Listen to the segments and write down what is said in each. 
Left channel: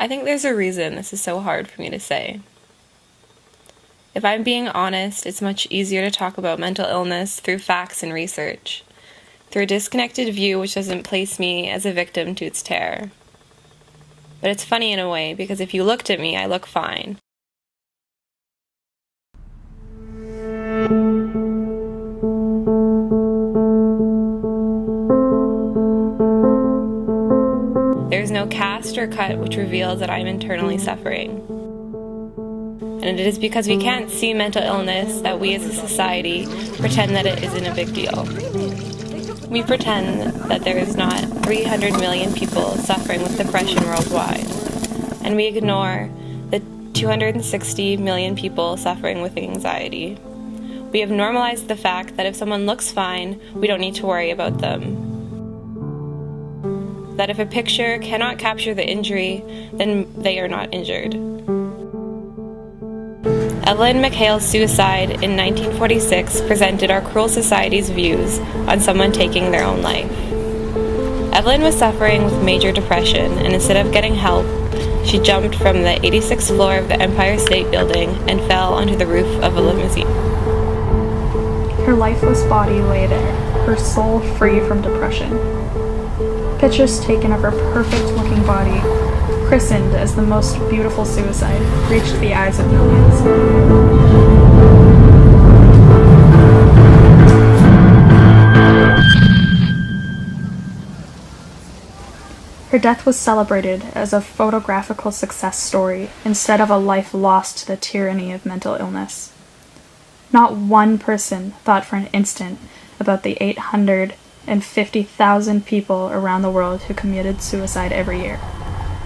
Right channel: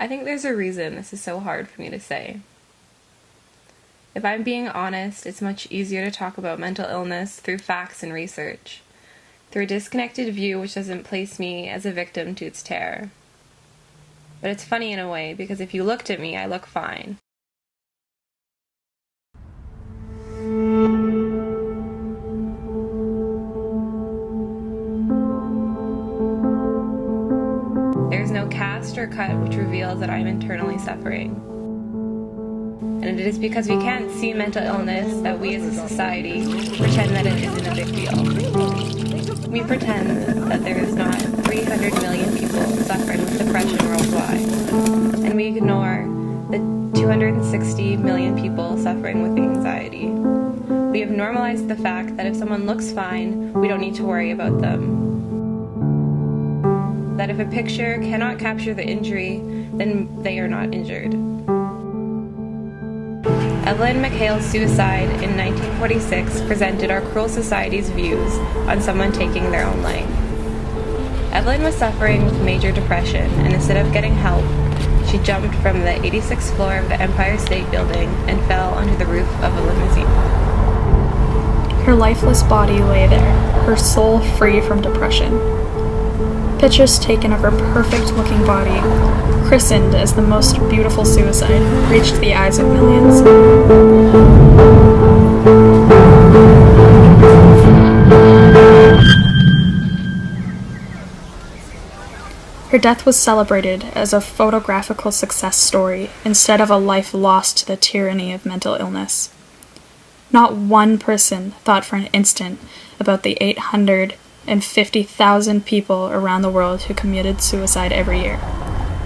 I think there's a reason this is so hard for me to say. If I'm being honest, it's much easier to talk about mental illness through facts and research, through a disconnected view which doesn't place me as a victim to its terror. But it's funny in a way, because if you looked at me, I look fine. There's no cast or cut which reveals that I'm internally suffering. And it is because we can't see mental illness that we as a society pretend that it isn't a big deal. We pretend that there is not 300 million people suffering with depression worldwide, and we ignore the 260 million people suffering with anxiety. We have normalized the fact that if someone looks fine, we don't need to worry about them. That if a picture cannot capture the injury, then they are not injured. Evelyn McHale's suicide in 1946 presented our cruel society's views on someone taking their own life. Evelyn was suffering with major depression, and instead of getting help, she jumped from the 86th floor of the Empire State Building and fell onto the roof of a limousine. Her lifeless body lay there, her soul free from depression. Pictures taken of her perfect-looking body, christened as the most beautiful suicide, reached the eyes of millions. Her death was celebrated as a photographical success story instead of a life lost to the tyranny of mental illness. Not one person thought for an instant about the 850,000 people around the world who committed suicide every year.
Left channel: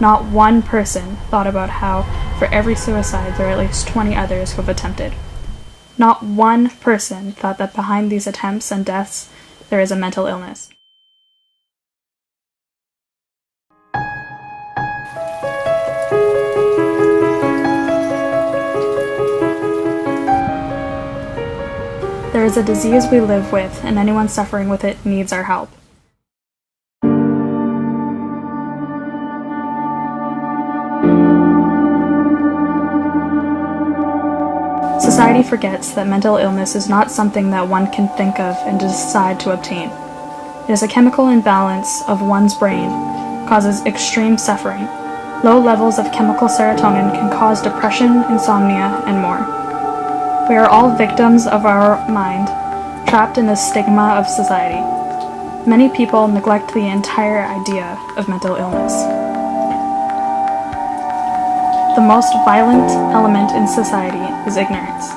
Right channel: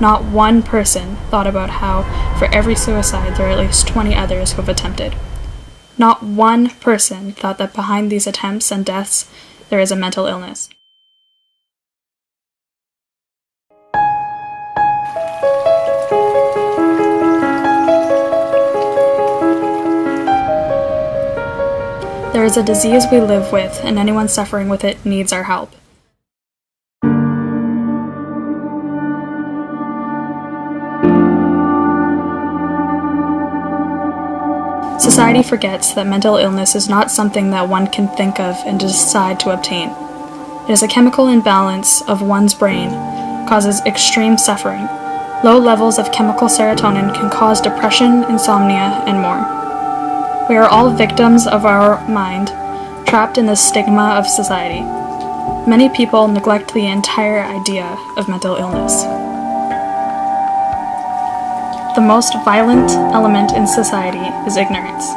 Not one person thought about how, for every suicide, there are at least 20 others who have attempted. Not one person thought that behind these attempts and deaths, there is a mental illness. There is a disease we live with, and anyone suffering with it needs our help. Society forgets that mental illness is not something that one can think of and decide to obtain. It is a chemical imbalance of one's brain, causes extreme suffering. Low levels of chemical serotonin can cause depression, insomnia, and more. We are all victims of our mind, trapped in the stigma of society. Many people neglect the entire idea of mental illness. The most violent element in society is ignorance.